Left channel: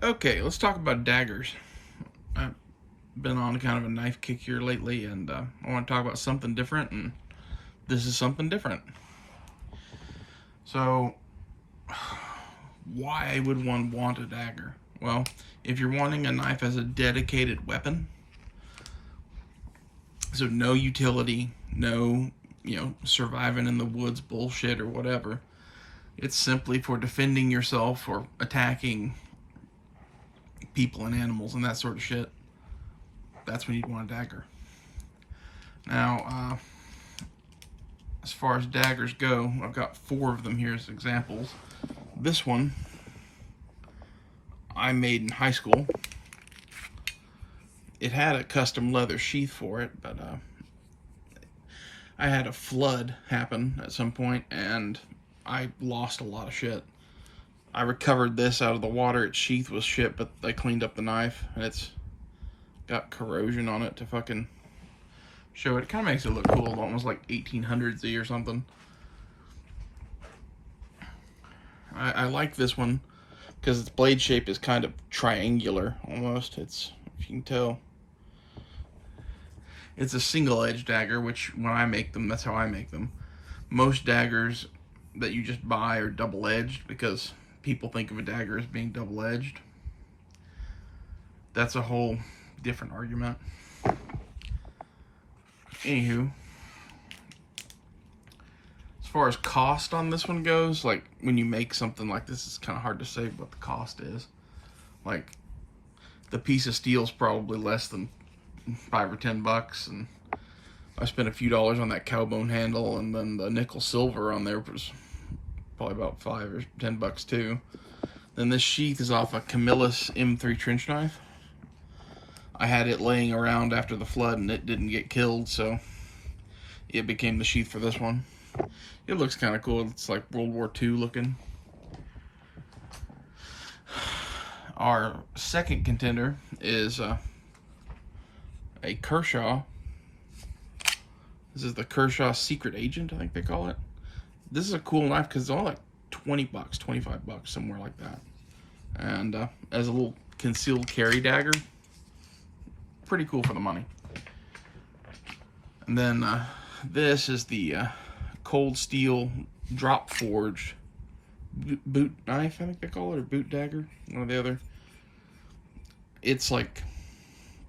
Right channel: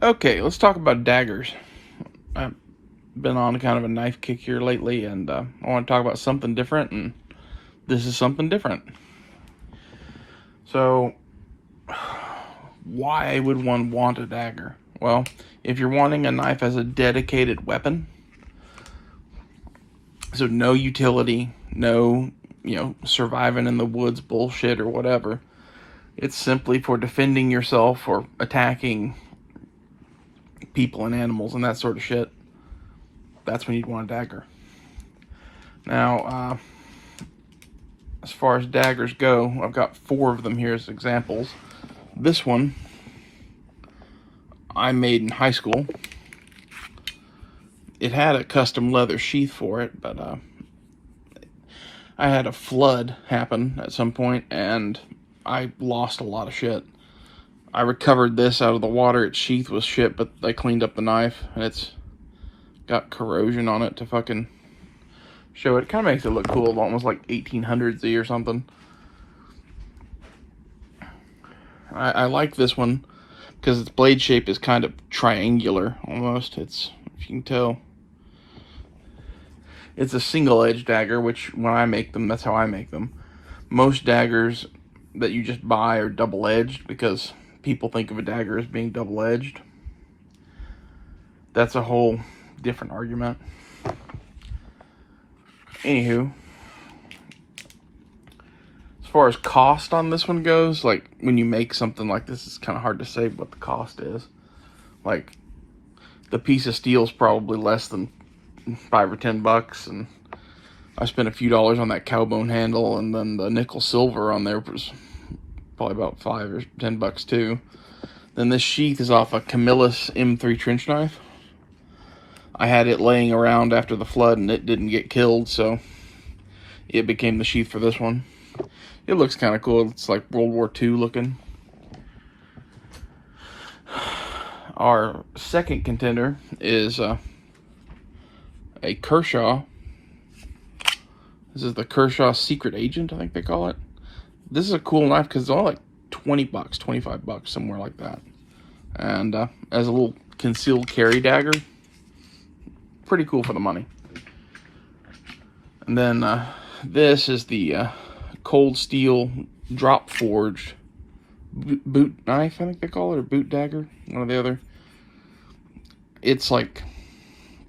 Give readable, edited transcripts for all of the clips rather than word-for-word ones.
Okay, let's talk about daggers. I've been on kind of a knife kick here lately, and I want to talk about something different, and this is something different. So, why would one want a dagger? Well, if you're wanting a knife as a dedicated weapon, so no utility, no, surviving in the woods bullshit or whatever. It's simply for defending yourself or attacking people and animals and that sort of shit. That's when you'd want a dagger. Now, as far as daggers go, I've got 4 of them here as examples. This one I made in high school. It had a custom leather sheath for it, but I had a flood happen at some point, and I lost a lot of shit. I recovered this out of the water. Its sheath was shit, but I cleaned up the knife, and it's got corrosion on it to fucking show it. Kind of makes it look cool, almost like 1800s-y or something. I like this one because its blade shape is kind of triangular, almost. It's, if you can tell, it's a single-edged dagger, which when I make them, that's how I make them. Most daggers that you just buy are double-edged because people think of a dagger as being double-edged. That's a whole different argument. Anywho, as far as cost on this one goes, like when you make something like this, it's kind of hard to say what the cost is. Like the piece of steel is probably less than $5 or $10, and I spent a few dollars on that cowbone handle, and then the nickel silver on there was probably about $5 or $10 too. Then this sheath is off a Camillus M3 trench knife. I had it laying around after the flood, and it didn't get killed, so it became the sheath for this one. It looks kind of cool. It's like World War II looking. Our second contender is a Kershaw. This is the Kershaw Secret Agent, I think they call it. This is a cool knife because it's all like $20, $25, somewhere like that. And as a little concealed carry dagger, pretty cool for the money. And then this is the cold steel drop forged boot knife, I think they call it, or boot dagger, one or the other. It's like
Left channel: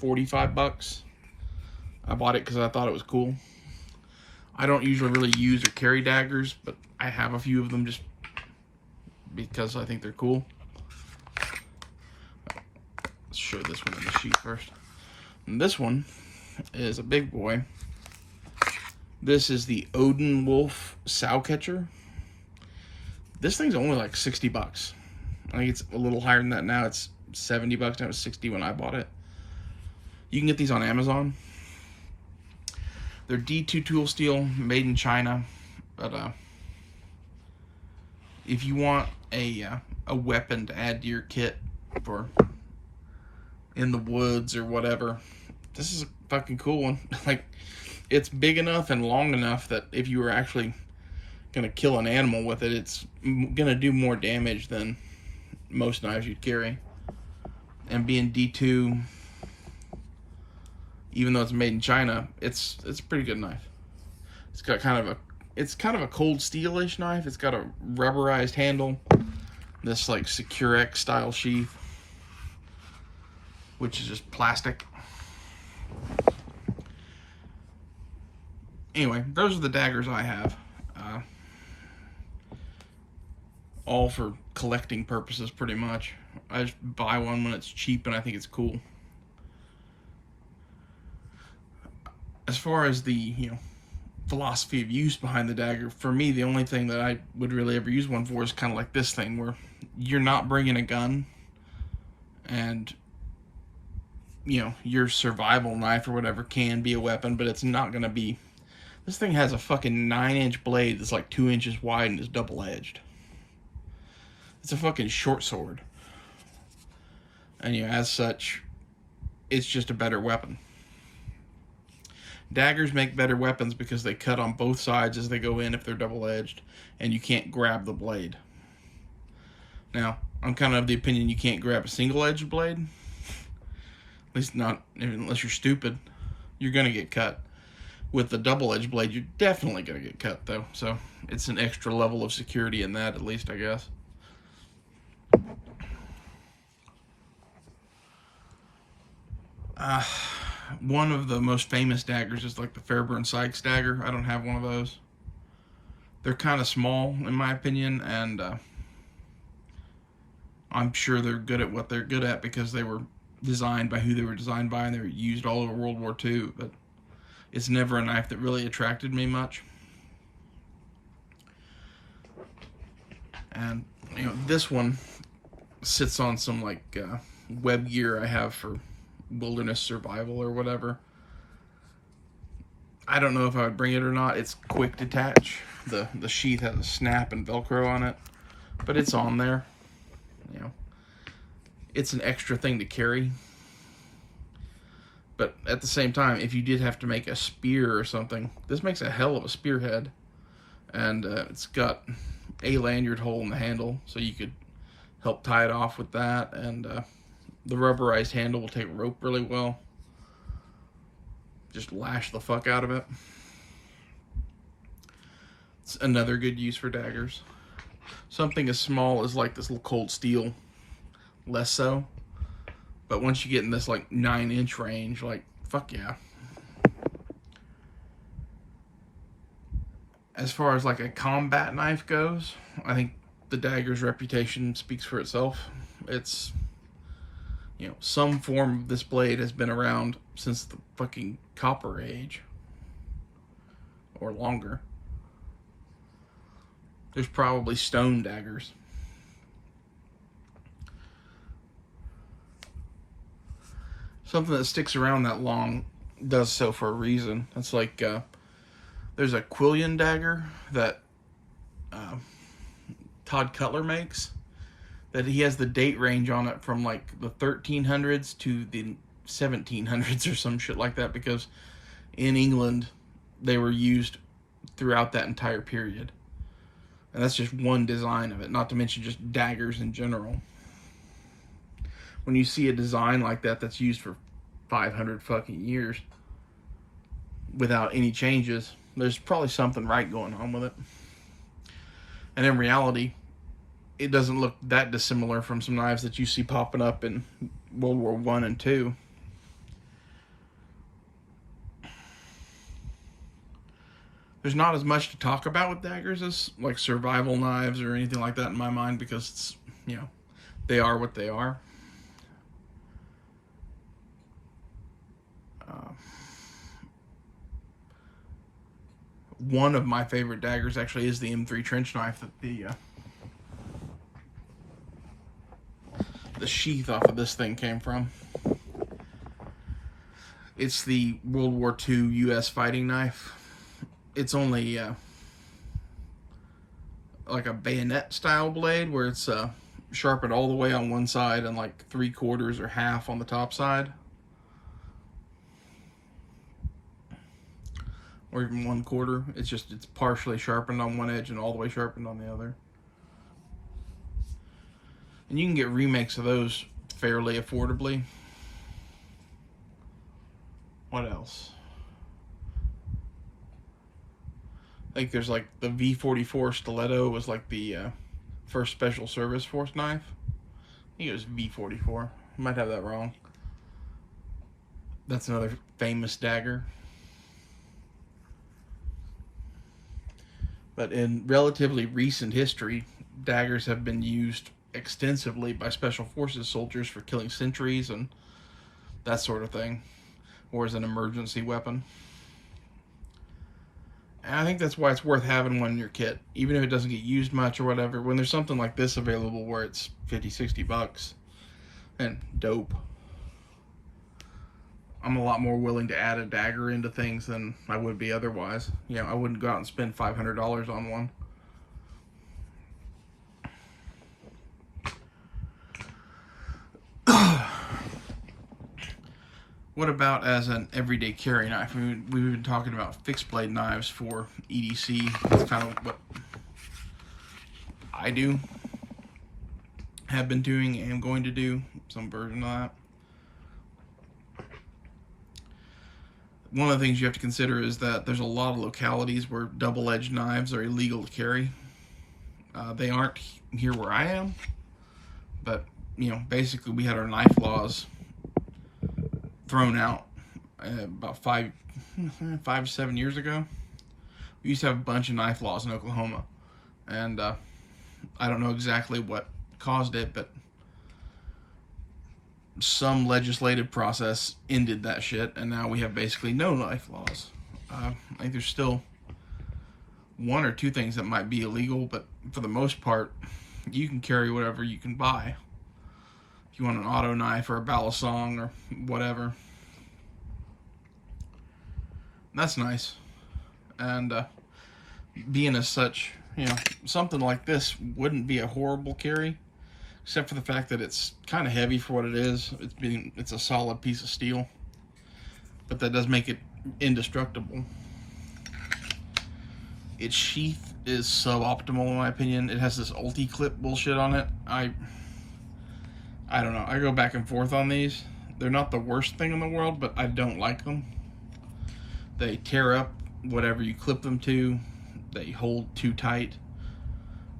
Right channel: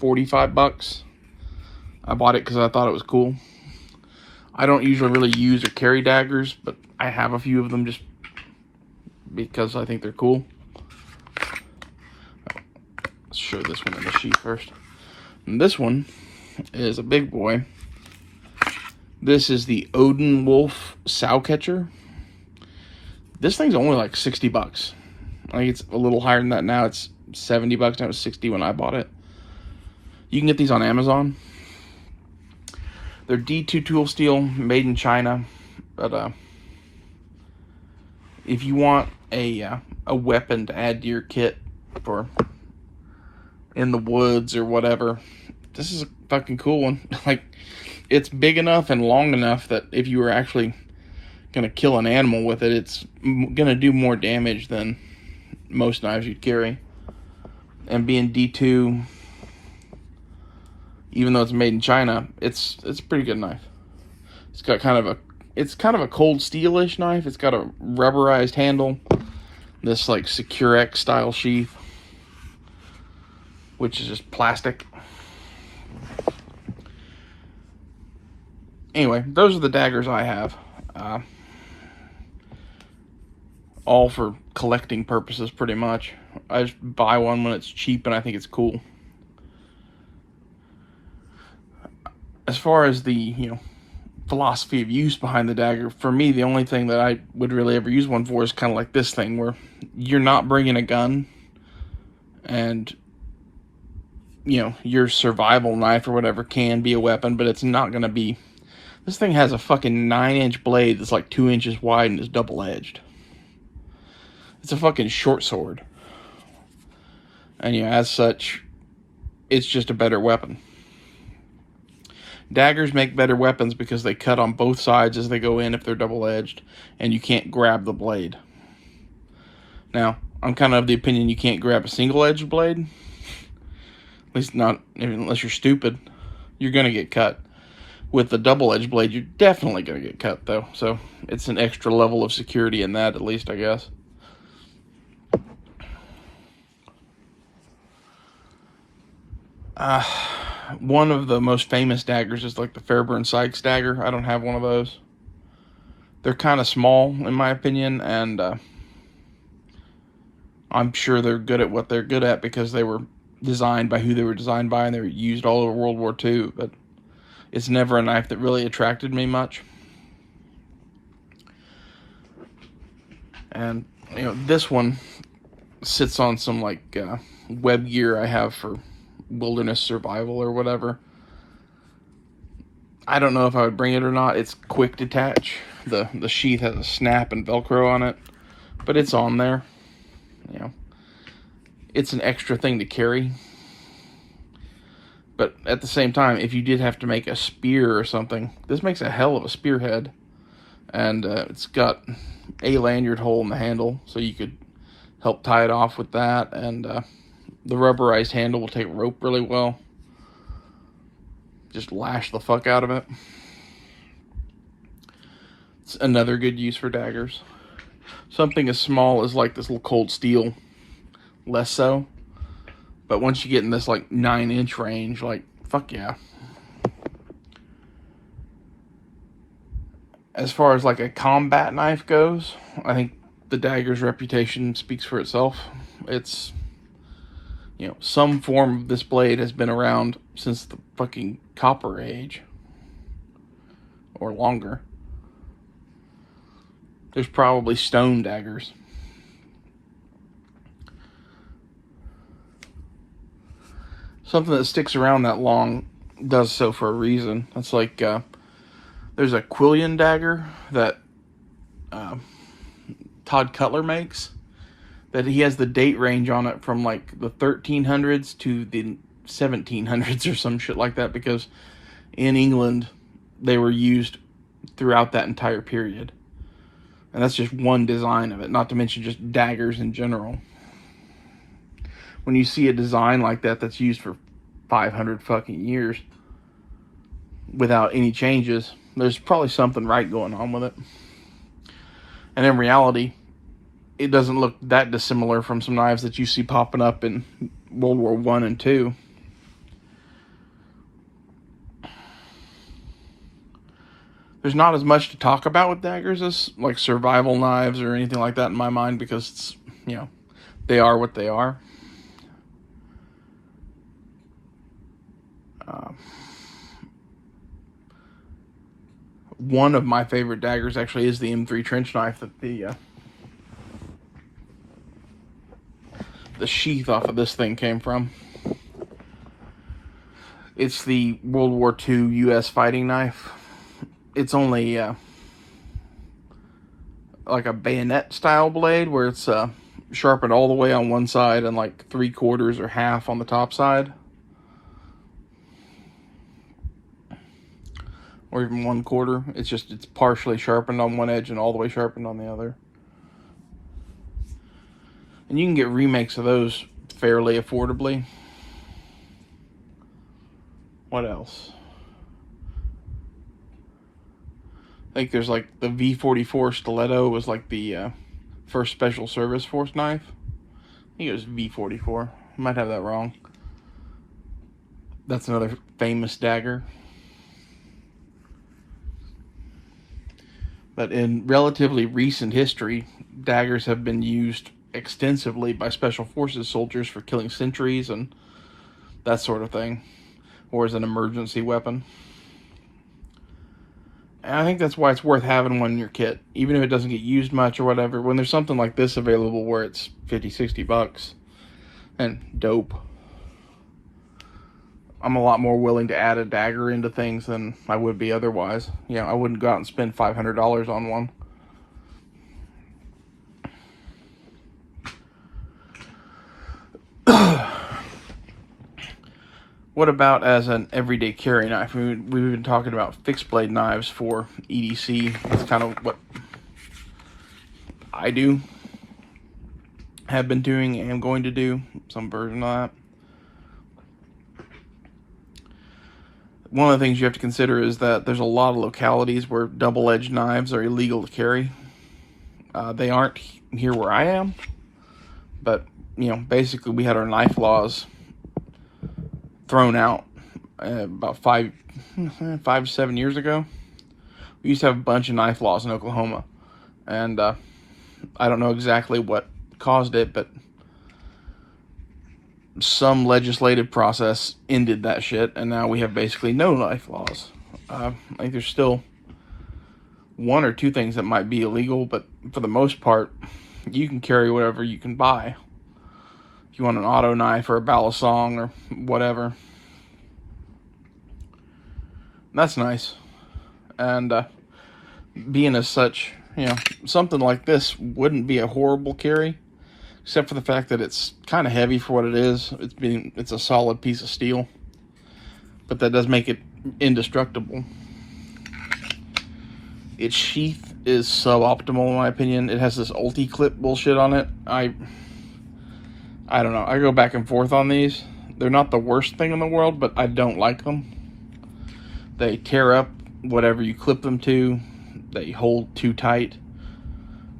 $45. I bought it because I thought it was cool. I don't usually really use or carry daggers, but I have a few of them just because I think they're cool. Let's show this one in the sheath first. And this one is a big boy. This is the Odin Wolf sow catcher. This thing's only like $60. I think it's a little higher than that now. It's $70. Now it was $60 when I bought it. You can get these on Amazon. They're D2 tool steel, made in China. But if you want a weapon to add to your kit for in the woods or whatever, this is a fucking cool one. Like, it's big enough and long enough that if you were actually gonna kill an animal with it, it's gonna do more damage than most knives you'd carry. And being D2, even though it's made in China, it's a pretty good knife. It's got kind of a cold steel-ish knife. It's got a rubberized handle, this like Secure-X style sheath, which is just plastic. Anyway, those are the daggers I have. All for collecting purposes, pretty much. I just buy one when it's cheap and I think it's cool. As far as the, philosophy of use behind the dagger, for me, the only thing that I would really ever use one for is kind of like this thing, where you're not bringing a gun, and, your survival knife or whatever can be a weapon, but it's not going to be. This thing has a fucking 9-inch blade that's like 2 inches wide and is double-edged. It's a fucking short sword. And as such, it's just a better weapon. Daggers make better weapons because they cut on both sides as they go in if they're double-edged, and you can't grab the blade. Now, I'm kind of the opinion you can't grab a single-edged blade. At least not unless you're stupid. You're going to get cut. With the double-edged blade, you're definitely going to get cut, though. So it's an extra level of security in that, at least, I guess. One of the most famous daggers is like the Fairburn-Sykes dagger. I don't have one of those. They're kind of small, in my opinion, and I'm sure they're good at what they're good at because they were designed by who they were designed by, and they were used all over World War II, but it's never a knife that really attracted me much. And, you know, this one sits on some, like, web gear I have for wilderness survival or whatever. I don't know if I would bring it or not. It's quick detach. The sheath has a snap and Velcro on it, but it's on there. You know, it's an extra thing to carry. But at the same time, if you did have to make a spear or something, this makes a hell of a spearhead. And it's got a lanyard hole in the handle, so you could help tie it off with that. And the rubberized handle will take rope really well. Just lash the fuck out of it. It's another good use for daggers. Something as small as like this little cold steel, less so. But once you get in this like 9-inch range, like, fuck yeah. As far as like a combat knife goes, I think the dagger's reputation speaks for itself. It's, you know, some form of this blade has been around since the fucking Copper Age. Or longer. There's probably stone daggers. Something that sticks around that long does so for a reason. It's like, there's a Quillian dagger that Todd Cutler makes, that he has the date range on it from like the 1300s to the 1700s or some shit like that, because in England they were used throughout that entire period. And that's just one design of it, not to mention just daggers in general. When you see a design like that that's used for 500 fucking years without any changes, there's probably something right going on with it. And in reality, it doesn't look that dissimilar from some knives that you see popping up in World War I and II. There's not as much to talk about with daggers as like survival knives or anything like that in my mind, because it's, you know, they are what they are. One of my favorite daggers actually is the M3 trench knife that the sheath off of this thing came from. It's the World War II U.S. fighting knife. It's only like a bayonet style blade where it's sharpened all the way on one side and like 3/4 or half on the top side. Or even 1/4. It's partially sharpened on one edge and all the way sharpened on the other. And you can get remakes of those fairly affordably. What else? I think there's like the V44 Stiletto was like the first Special Service Force knife. I think it was V44. I might have that wrong. That's another famous dagger. But in relatively recent history, daggers have been used extensively by Special Forces soldiers for killing sentries and that sort of thing, or as an emergency weapon. And I think that's why it's worth having one in your kit, even if it doesn't get used much or whatever. When there's something like this available where it's 50, 60 bucks, and dope, I'm a lot more willing to add a dagger into things than I would be otherwise. You know, I wouldn't go out and spend $500 on one. What about as an everyday carry knife? We've been talking about fixed blade knives for EDC. That's kind of what I do. have been doing and am going to do some version of that. One of the things you have to consider is that there's a lot of localities where double-edged knives are illegal to carry. They aren't here where I am, but basically we had our knife laws thrown out about 5 to 7 years ago. We used to have a bunch of knife laws in Oklahoma, and I don't know exactly what caused it, but some legislative process ended that shit, and now we have basically no knife laws. I think there's still one or two things that might be illegal, but for the most part, you can carry whatever you can buy. If you want an auto knife or a balisong or whatever, that's nice. And being as such, something like this wouldn't be a horrible carry, except for the fact that it's kind of heavy for what it is. It's a solid piece of steel, but that does make it indestructible. Its sheath is suboptimal in my opinion. It has this ulti clip bullshit on it. I don't know. I go back and forth on these. They're not the worst thing in the world, but I don't like them. They tear up whatever you clip them to. They hold too tight,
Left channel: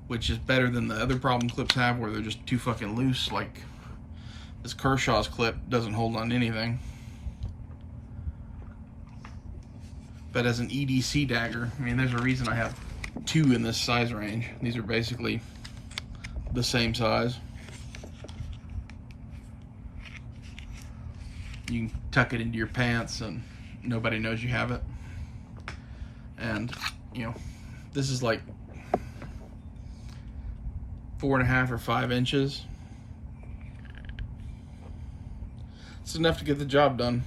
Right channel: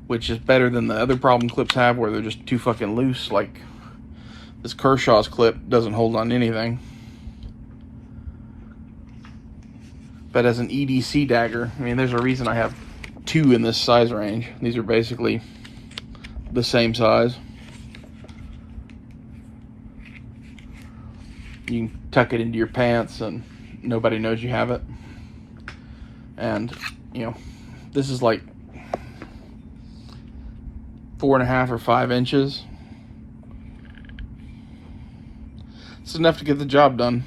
which is better than the other problem clips have, where they're just too fucking loose. Like this Kershaw's clip doesn't hold on anything. But as an EDC dagger, I mean, there's a reason I have two in this size range. These are basically the same size. You can tuck it into your pants and nobody knows you have it. And, this is like 4.5 or 5 inches. It's enough to get the job done.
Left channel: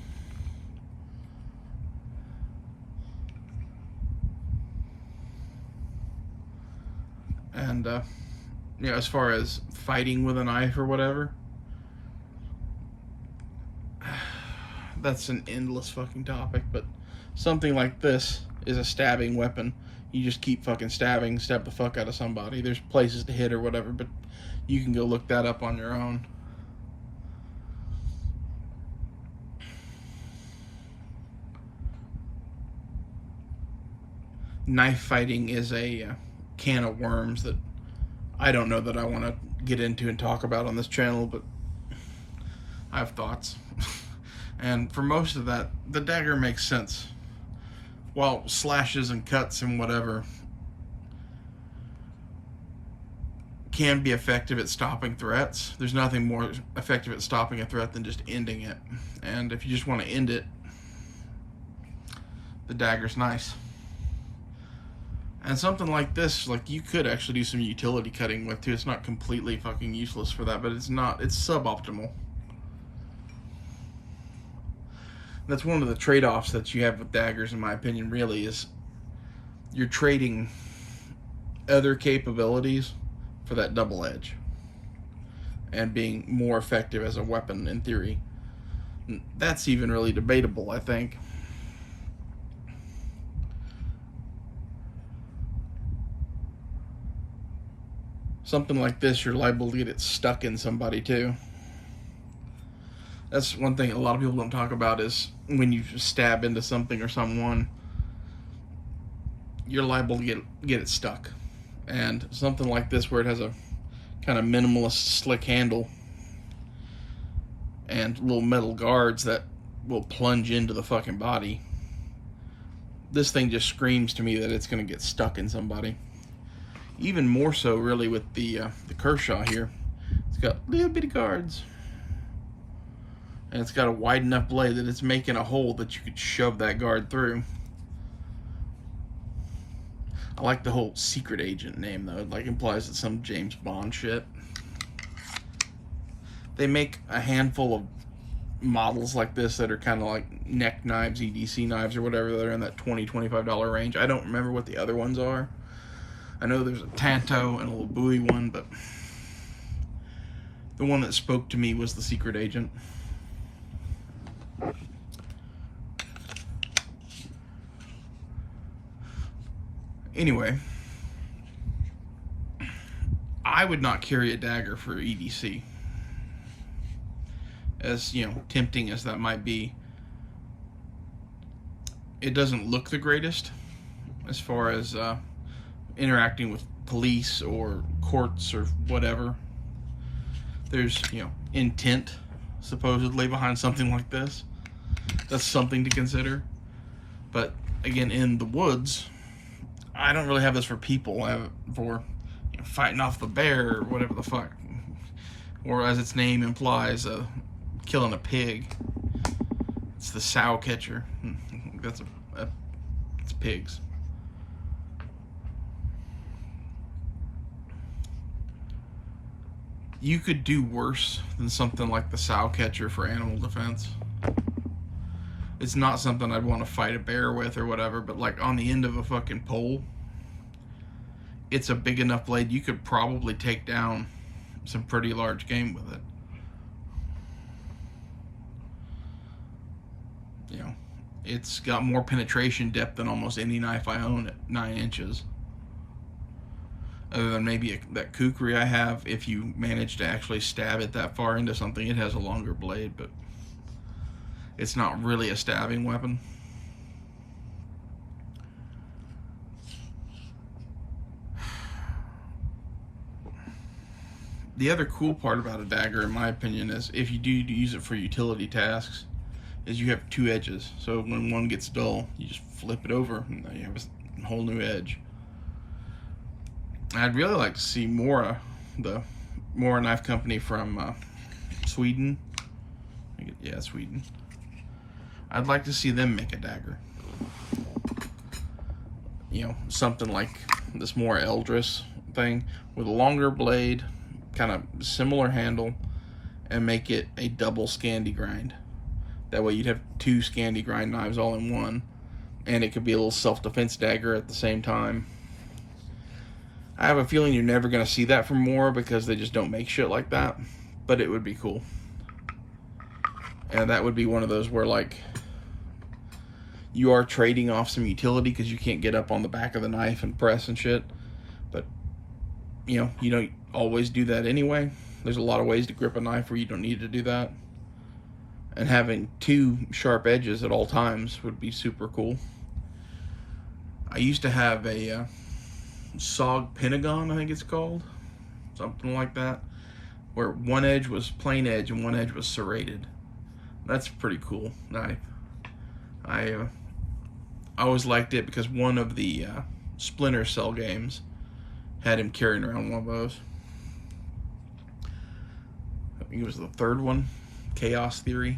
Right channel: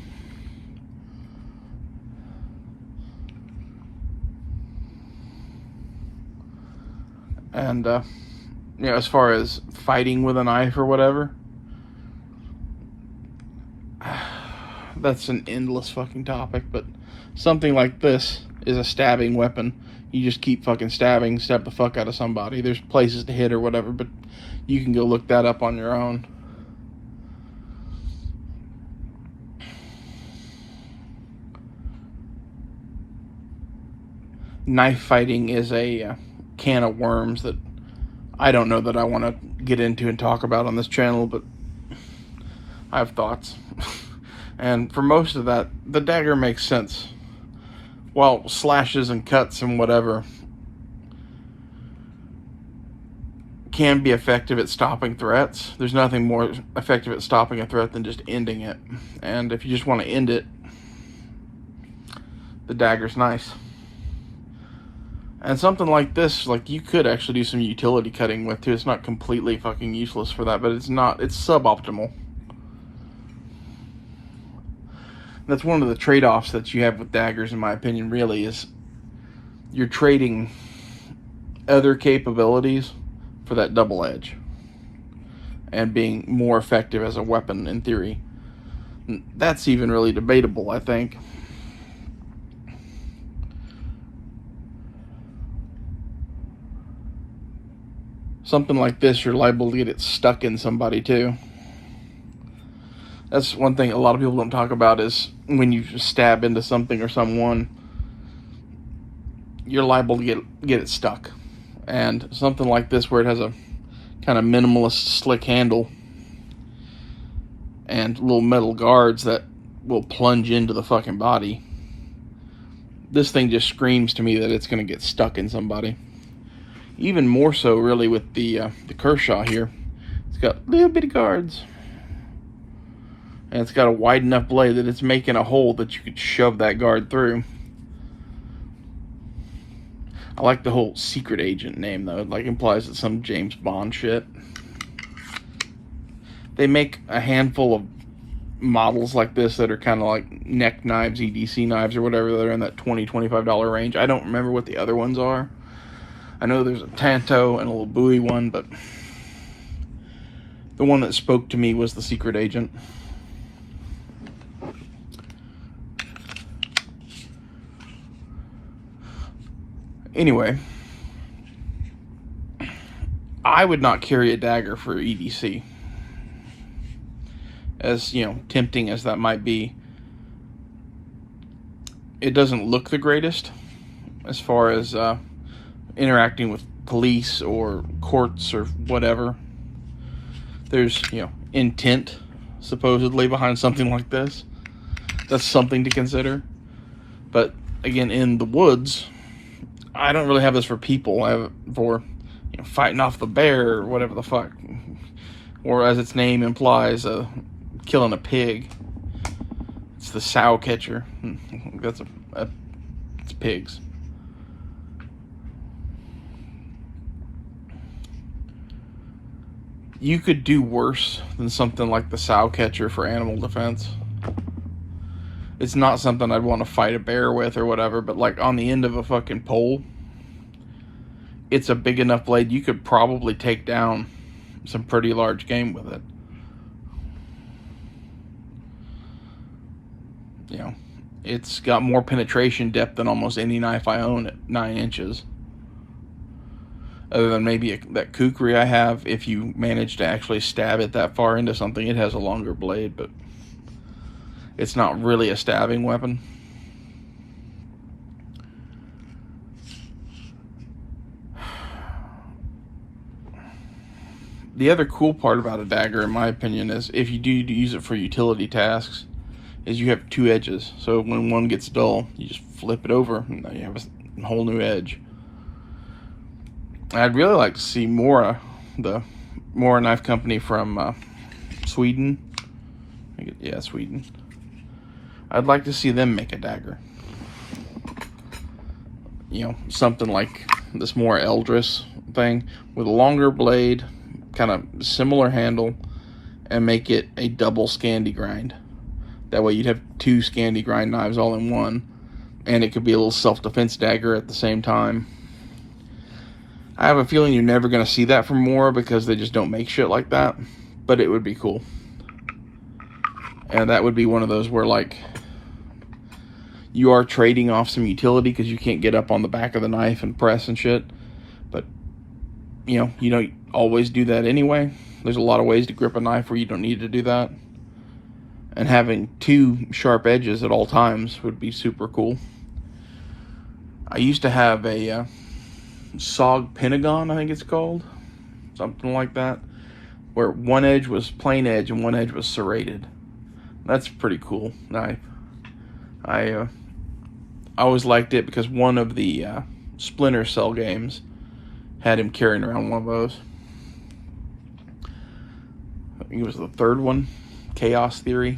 And, as far as fighting with a knife or whatever, that's an endless fucking topic, but something like this is a stabbing weapon. You just keep fucking stabbing, stab the fuck out of somebody. There's places to hit or whatever, but you can go look that up on your own. Knife fighting is a can of worms that I don't know that I want to get into and talk about on this channel, but I have thoughts. And for most of that, the dagger makes sense. While slashes and cuts and whatever can be effective at stopping threats, there's nothing more effective at stopping a threat than just ending it. And if you just want to end it, the dagger's nice. And something like this, like, you could actually do some utility cutting with too. It's not completely fucking useless for that, but it's suboptimal. That's one of the trade-offs that you have with daggers, in my opinion, really, is you're trading other capabilities for that double edge and being more effective as a weapon in theory. That's even really debatable, I think. Something like this, you're liable to get it stuck in somebody too. That's one thing a lot of people don't talk about, is when you stab into something or someone, you're liable to get it stuck. And something like this, where it has a kind of minimalist slick handle and little metal guards that will plunge into the fucking body, this thing just screams to me that it's going to get stuck in somebody. Even more so, really, with the Kershaw here. It's got little bitty guards. And it's got a wide enough blade that it's making a hole that you could shove that guard through. I like the whole secret agent name, though. It implies it's some James Bond shit. They make a handful of models like this that are kind of like neck knives, EDC knives, or whatever. They're in that $20, $25 range. I don't remember what the other ones are. I know there's a Tanto and a little Bowie one, but the one that spoke to me was the secret agent. Anyway, I would not carry a dagger for EDC. As, you know, tempting as that might be, it doesn't look the greatest as far as interacting with police or courts or whatever. There's, you know, intent supposedly behind something like this. That's something to consider. But again, in the woods, I don't really have this for people. I have it for, you know, fighting off the bear or whatever the fuck, or as its name implies, killing a pig. It's the sow catcher. That's it's pigs. You could do worse than something like the sow catcher for animal defense. It's not something I'd want to fight a bear with or whatever, but like on the end of a fucking pole, it's a big enough blade you could probably take down some pretty large game with it. You know, it's got more penetration depth than almost any knife I own at 9 inches. Other than maybe that kukri I have, if you manage to actually stab it that far into something, it has a longer blade, but it's not really a stabbing weapon. The other cool part about a dagger, in my opinion, is if you do use it for utility tasks, is you have 2 edges. So when one gets dull, you just flip it over, and now you have a whole new edge. I'd really like to see more the Mora Knife Company from Sweden. Yeah, Sweden. I'd like to see them make a dagger. You know, something like this more Eldris thing with a longer blade, kind of similar handle, and make it a double Scandi grind. That way you'd have 2 Scandi grind knives all in one, and it could be a little self-defense dagger at the same time. I have a feeling you're never going to see that from Mora because they just don't make shit like that, but it would be cool. And that would be one of those where, like, you are trading off some utility because you can't get up on the back of the knife and press and shit, but you don't always do that anyway. There's a lot of ways to grip a knife where you don't need to do that, and having 2 sharp edges at all times would be super cool. I used to have a SOG Pentagon, I think it's called, something like that, where one edge was plain edge and one edge was serrated. That's a pretty cool knife. I always liked it because one of the Splinter Cell games had him carrying around one of those. I think it was the 3rd one, Chaos Theory.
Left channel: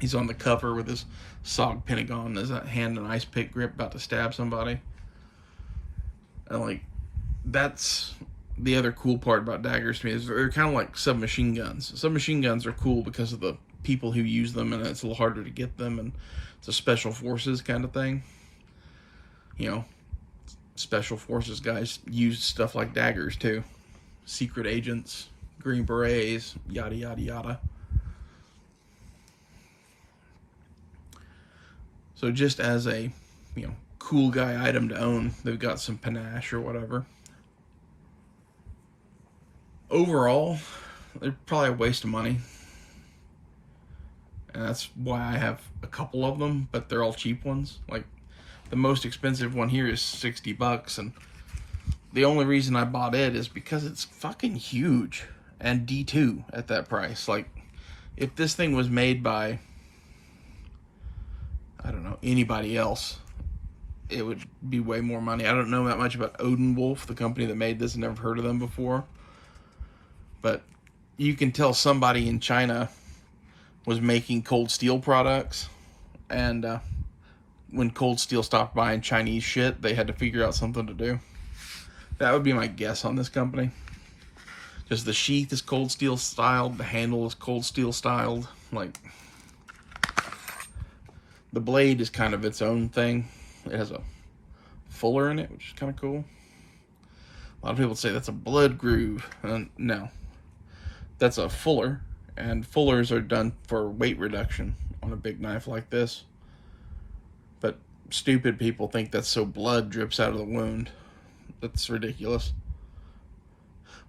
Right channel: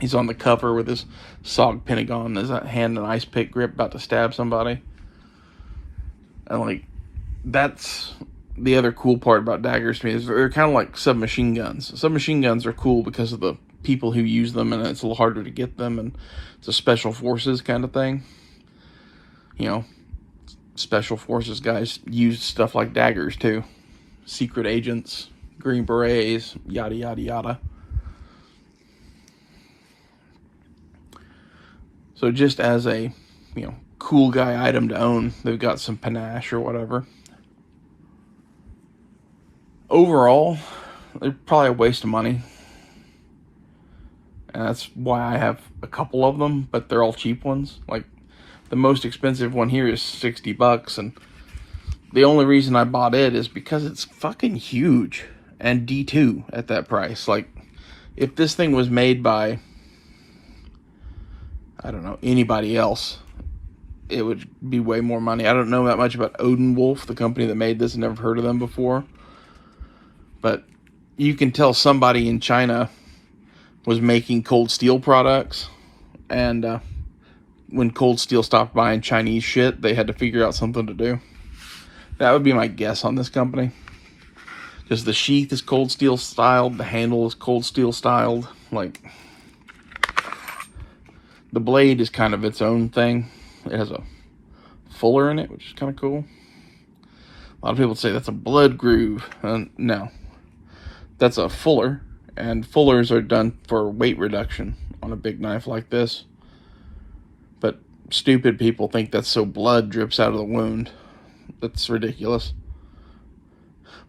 He's on the cover with his SOG Pentagon, his hand and ice pick grip, about to stab somebody. And like, that's the other cool part about daggers to me, is they're kind of like submachine guns. Submachine guns are cool because of the people who use them, and it's a little harder to get them, and it's a special forces kind of thing. You know, special forces guys use stuff like daggers too. Secret agents, Green Berets, yada yada yada. So just as a, you know, cool guy item to own, they've got some panache or whatever. Overall, they're probably a waste of money. And that's why I have a couple of them, but they're all cheap ones. Like, the most expensive one here is $60, and the only reason I bought it is because it's fucking huge and D2 at that price. Like, if this thing was made by, I don't know, anybody else, it would be way more money. I don't know that much about Odin Wolf, the company that made this. Never heard of them before. But you can tell somebody in China was making Cold Steel products, and when Cold Steel stopped buying Chinese shit, they had to figure out something to do. That would be my guess on this company. Because the sheath is Cold Steel styled, the handle is Cold Steel styled. Like, the blade is kind of its own thing. It has a fuller in it, which is kind of cool. A lot of people say that's a blood groove. No, that's a fuller, and fullers are done for weight reduction on a big knife like this. But stupid people think that's so blood drips out of the wound. That's ridiculous.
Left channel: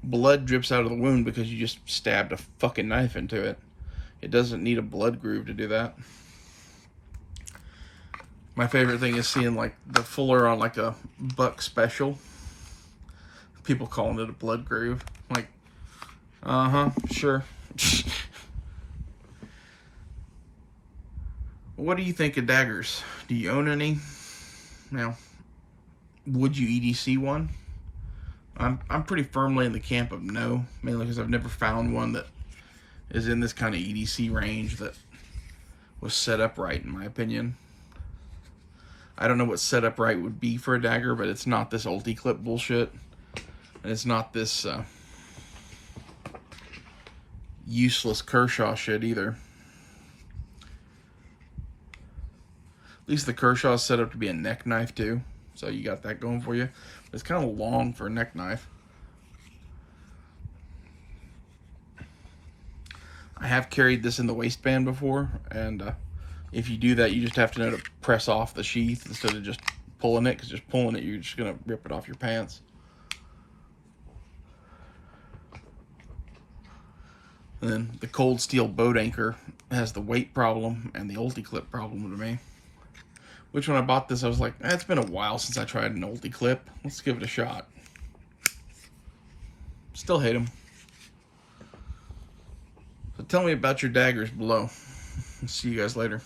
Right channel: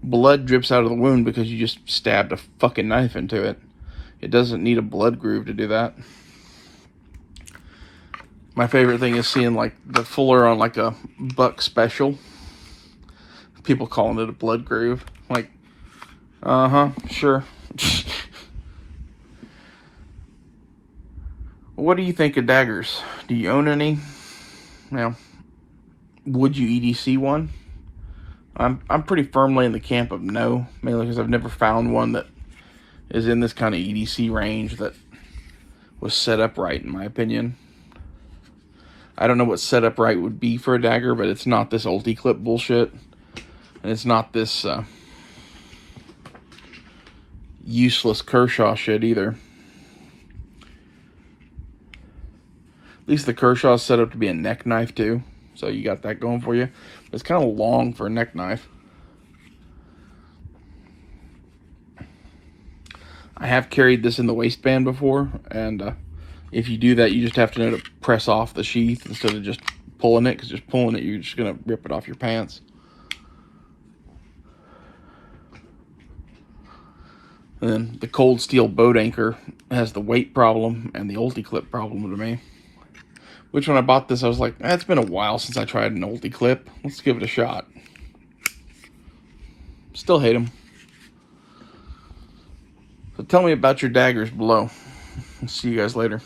blood drips out of the wound because you just stabbed a fucking knife into it. It doesn't need a blood groove to do that. My favorite thing is seeing like the fuller on like a buck special. People calling it a blood groove. Like, sure. What do you think of daggers? Do you own any? Now, would you EDC one? I'm pretty firmly in the camp of no, mainly because I've never found one that is in this kind of EDC range that was set up right, in my opinion. I don't know what set up right would be for a dagger, but it's not this ulti-clip bullshit. And it's not this useless Kershaw shit either. At least the Kershaw is set up to be a neck knife too. So you got that going for you. It's kind of long for a neck knife. I have carried this in the waistband before, and if you do that, you just have to know to press off the sheath instead of just pulling it, because just pulling it, you're just going to rip it off your pants. And then the cold steel boat anchor has the weight problem and the ulti-clip problem to me. Which when I bought this, I was like, it's been a while since I tried an ulti-clip. Let's give it a shot. Still hate them. So tell me about your daggers below. See you guys later.